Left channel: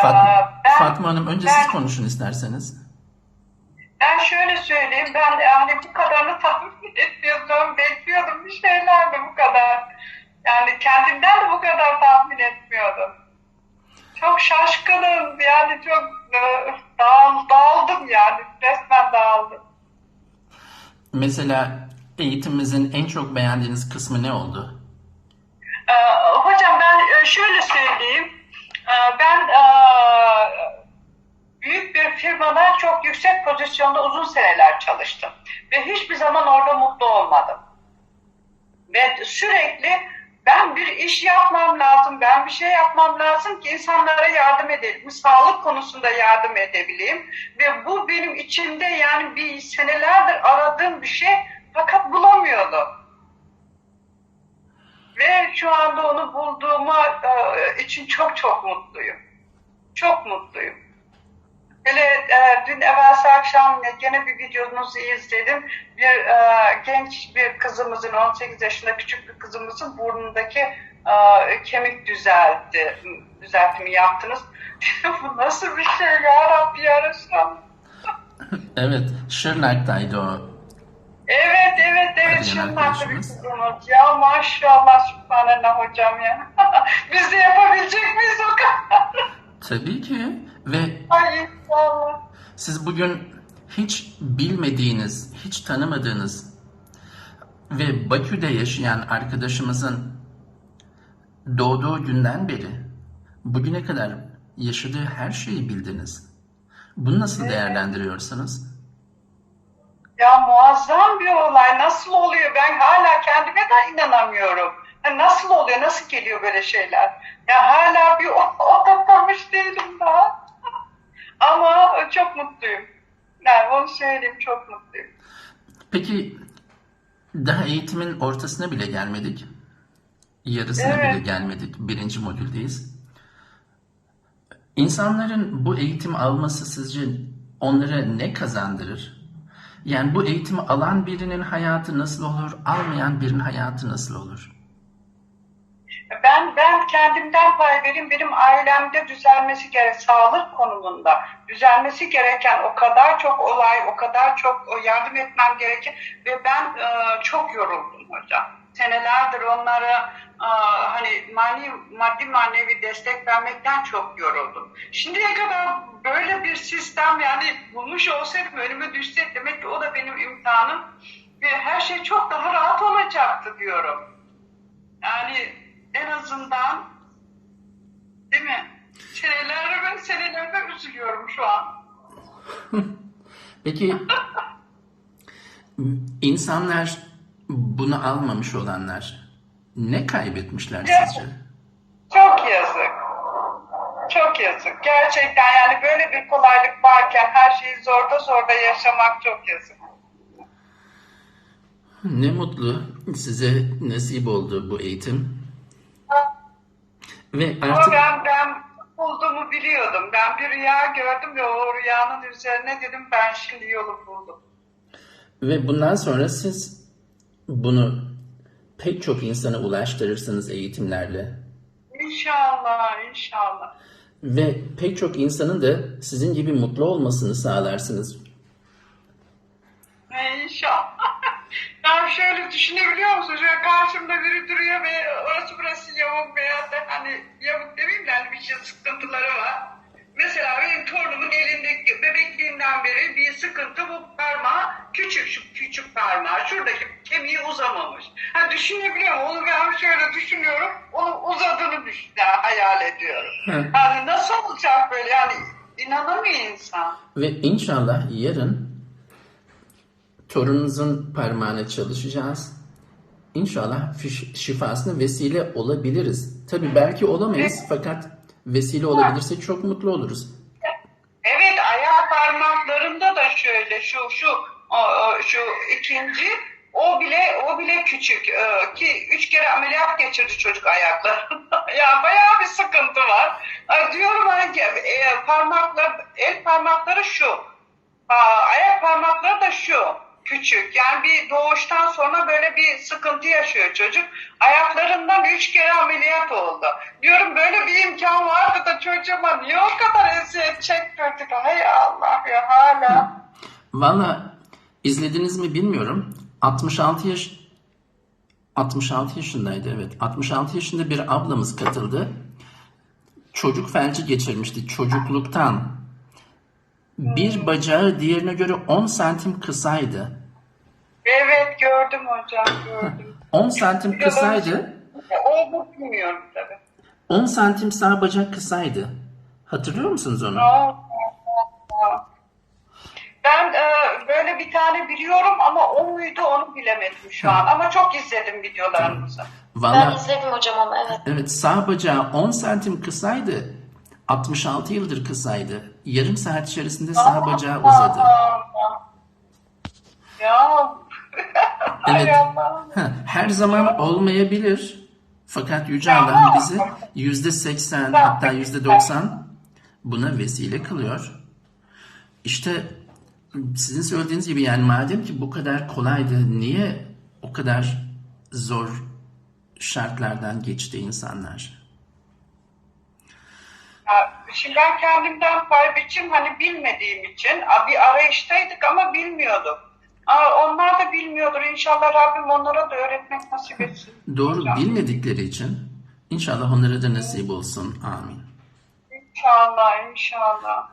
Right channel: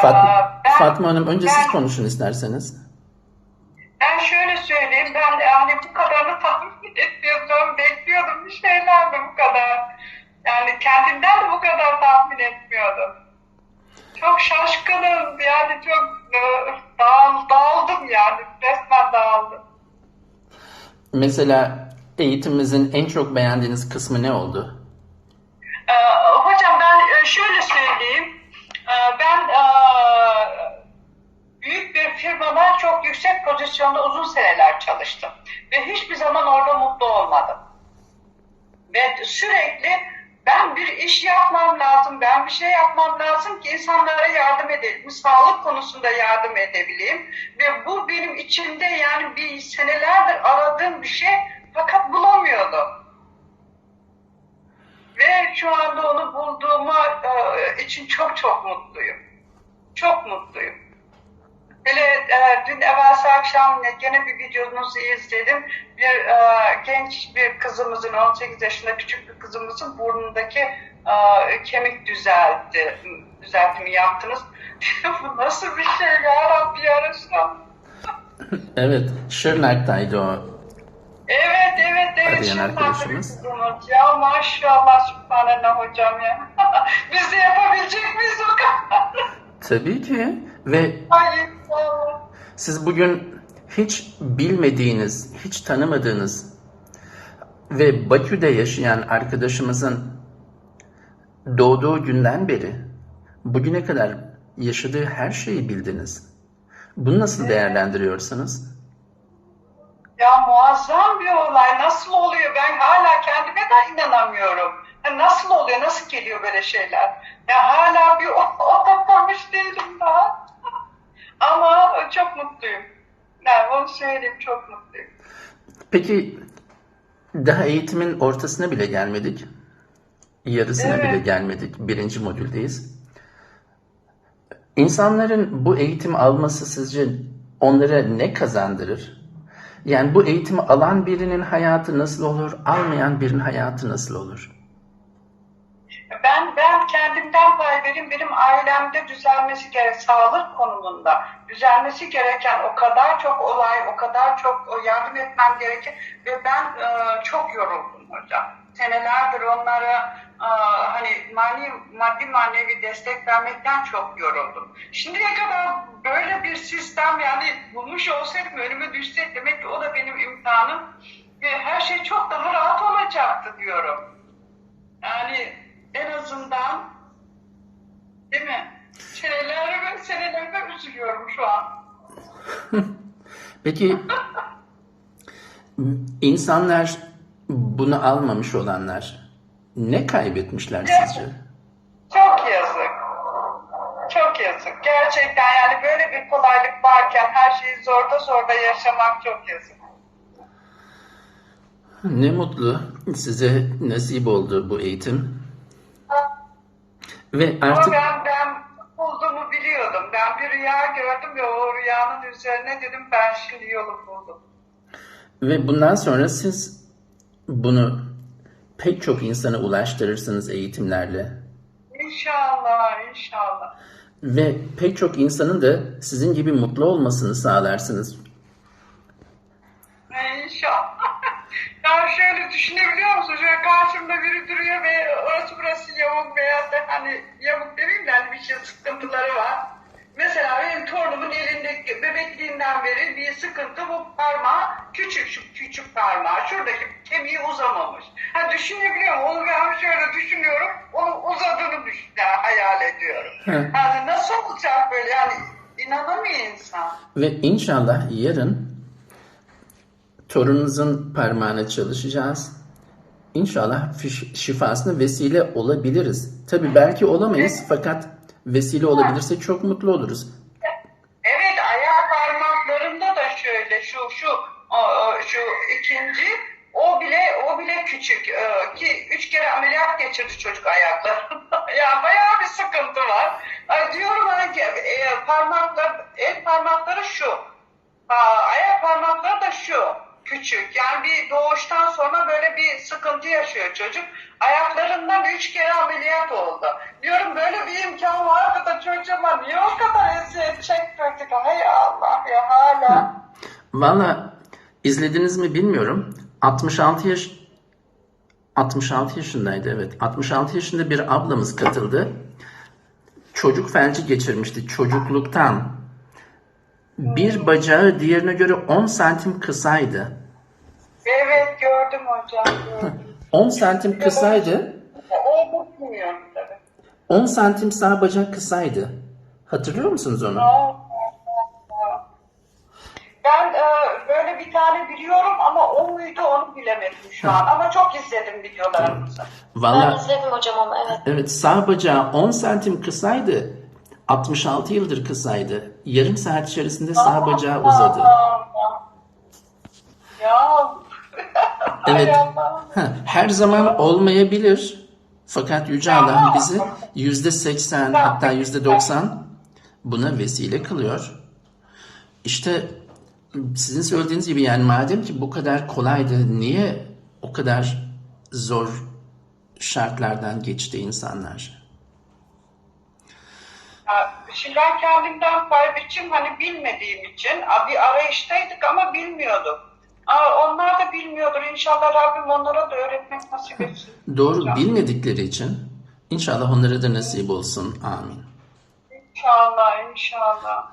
Fatma, Aa, ben- Fatma Hanım önce siz ben- konuşun isterseniz. Ben şöyle söyleyeyim, ben yani bu kadarını tahmin etmiyordum, bekliyordum bir şeylerdi bu kadar. Yani kendimden de bu kadar tahmin etmiyordum. Çok şaşkınım, yani çok e, dağıl, dağıldım yani, resmen dağıldım. Mesela eğitimimizin en çok beğendiğiniz kısmı ne oldu? Bir firmada çok yüksek pozisyonda uzun seneler çalıştım. Ve hiçbir zaman orada mutlu olmadım. Ve sürekli ben bir iş yapmam lazım, ben bir şey yapmam lazım ki insanlara yardım edelim, sağlık konusunda yardım edebileyim. Ve bu benim içimde yani bir senelerdir aradığım bir şey fakat bulamıyordum. Ve şu anda onu bulduğuma e, için çok çok mutluyum. Çok mutluyum. Böyle e, dün evvelsi akşam gene bir videonuzu izledim. Bir e, genç bir kızımızın, 18 yaşında küçük bir kızımızın burnundaki e, kemik düzeltti, düzeltimi yaptınız. Bu nasıl bir şey ya Rabbi ya Resulallah. Evet, Şırnak'taydı o. Evet evet evet. Arayan arkadaşımız. Ya maşallah subhanallah hocam ya. Biz de yapabilecek miyiz o kadar? Tabii ki ve Ay inşallah. Siz bugün hiç bilmediğiniz, hiç tanımadığınız ve Bakü'de yaşayan arkadaşımızın doğduğu günden beri bugüne kadar yaşadığı her şeyi bildiniz. Bunu nasıl değerlendiriyorsunuz? Ya muazzam bir olay. Nasıl oluyor? Ben hala kendime de inanamıyorum. Ya nasıl oluyor? Nasıl geliyor böyle şeyler? Ya hala bir oturtmamış değilim daha. Ama çok mutluyum. Yani onu söyleyeyim çok mutluyum. Peki daha eğitimin ortasına bile gelmedik. Yarısına Evet. bile gelmedik. Birinci modüldeyiz. İnsanların bu eğitimi alması sizce onlara ne kazandırır? Yani bu eğitimi alan birinin hayatı nasıl olur, almayan birinin hayatı nasıl olur? Ben ben kendimden pay vereyim. Benim ailemde düzelmesi gerek sağlık konumunda düzelmesi gereken o kadar çok olay, o kadar çok o yardım etmem gerekir ve ben e, çok yoruldum hocam. Senelerdir onlara e, hani mani, maddi manevi destek vermekten çok yoruldum. Şimdiye kadar böyle bir sistem yani bulmuş olsaydım önüme düşse demek ki o da benim imtihanım ve her şey çok daha rahat olacaktı diyorum. Yani en azından değil mi? Seneler ve seneler üzülüyorum şu an. Peki insanlar bunu almamış olanlar ne kaybetmişler sizce? Çok yazık. Çok yazık. Gerçekten yani böyle bir kolaylık varken her şeyi zorda zorda yaşamak çok yazık. Ne mutlu size nasip oldu bu eğitim. Ve Ama artık ben, ben bulduğumu biliyordum. Ben bir rüya gördüm ve o rüyanın üzerine dedim ben şimdi yolu buldum. ve bundan sonra siz bunu pek çok insana ulaştırırsınız eğitimlerle. İnşallah, inşallah. Ve pek çok insanın da sizin gibi mutlu olmasını sağlarsınız. İnşallah. ya şöyle düşünebiliyor musun? Şöyle karşımda biri duruyor ve orası burası yamuk veya da hani yamuk demeyeyim de hani bir şey sıkıntıları var. Mesela benim torunumun elindeki bebekliğinden beri bir sıkıntı bu parmağı küçük şu küçük parmağı şuradaki kemiği uzamamış. Ha düşünebiliyor musun? Onu ben şöyle düşünüyorum. Onun uzadığını düşün, yani hayal ediyorum. Hı. Yani nasıl olacak böyle yani inanamıyor insan. Ve inşallah yarın torununuzun parmağına çalışacağız. İnşallah şifasına vesile olabiliriz. Tabii belki olamayız fakat vesile olabilirsek çok mutlu oluruz. Evet ayak parmaklarında da şöyle şu şu şu ikinci o bile o bile küçük Ee, ki üç kere ameliyat geçirdi çocuk ayaklarında. ya bayağı bir sıkıntı var. Diyorum ki, e, parmaklar el parmakları şu. Ayak parmakları da şu. Küçük. Yani bir doğuştan sonra böyle bir sıkıntı yaşıyor çocuk. Ayaklarından üç kere ameliyat oldu. Diyorum böyle bir imkan vardı da çocuğuma niye o kadar eziyet çektirdik? Hay Allah ya hala. Valla izlediniz mi bilmiyorum. 66 yaş 66 yaşındaydı evet. 66 yaşında bir ablamız katıldı. Çocuk felci geçirmişti çocukluktan. Bir bacağı diğerine göre 10 santim kısaydı. Evet gördüm hocam. gördüm. 10 santim kısaydı. E, O bilmiyorum tabii. 10 santim sağ bacak kısaydı. Hatırlıyor musunuz onu? Ben e, böyle bir tane biliyorum ama o muydu onu bilemedim şu an. Ama çok izledim videolarınızı. Ben Valla izledim hocam ama evet. evet sağ bacağı 10 santim kısaydı. 66 yıldır kısaydı. Yarım saat içerisinde sağ bacağı uzadı. Evet. Her zaman olmayabilir. Fakat Yüce Allah bizi yüzde seksen hatta yüzde doksan buna vesile kılıyor. İşte sizin söylediğiniz gibi yani madem ki bu kadar kolaydı niye o kadar zor şartlardan geçti insanlar? şeyler kendimden pay biçim hani bilmediğim için bir arayıştaydık ama bilmiyorduk. Aa, onlar da bilmiyordur. İnşallah Rabbim onlara da öğretmek nasip etsin. Doğru. Bilmedikleri için inşallah onlara da nasip olsun. Amin. İnşallah, inşallah.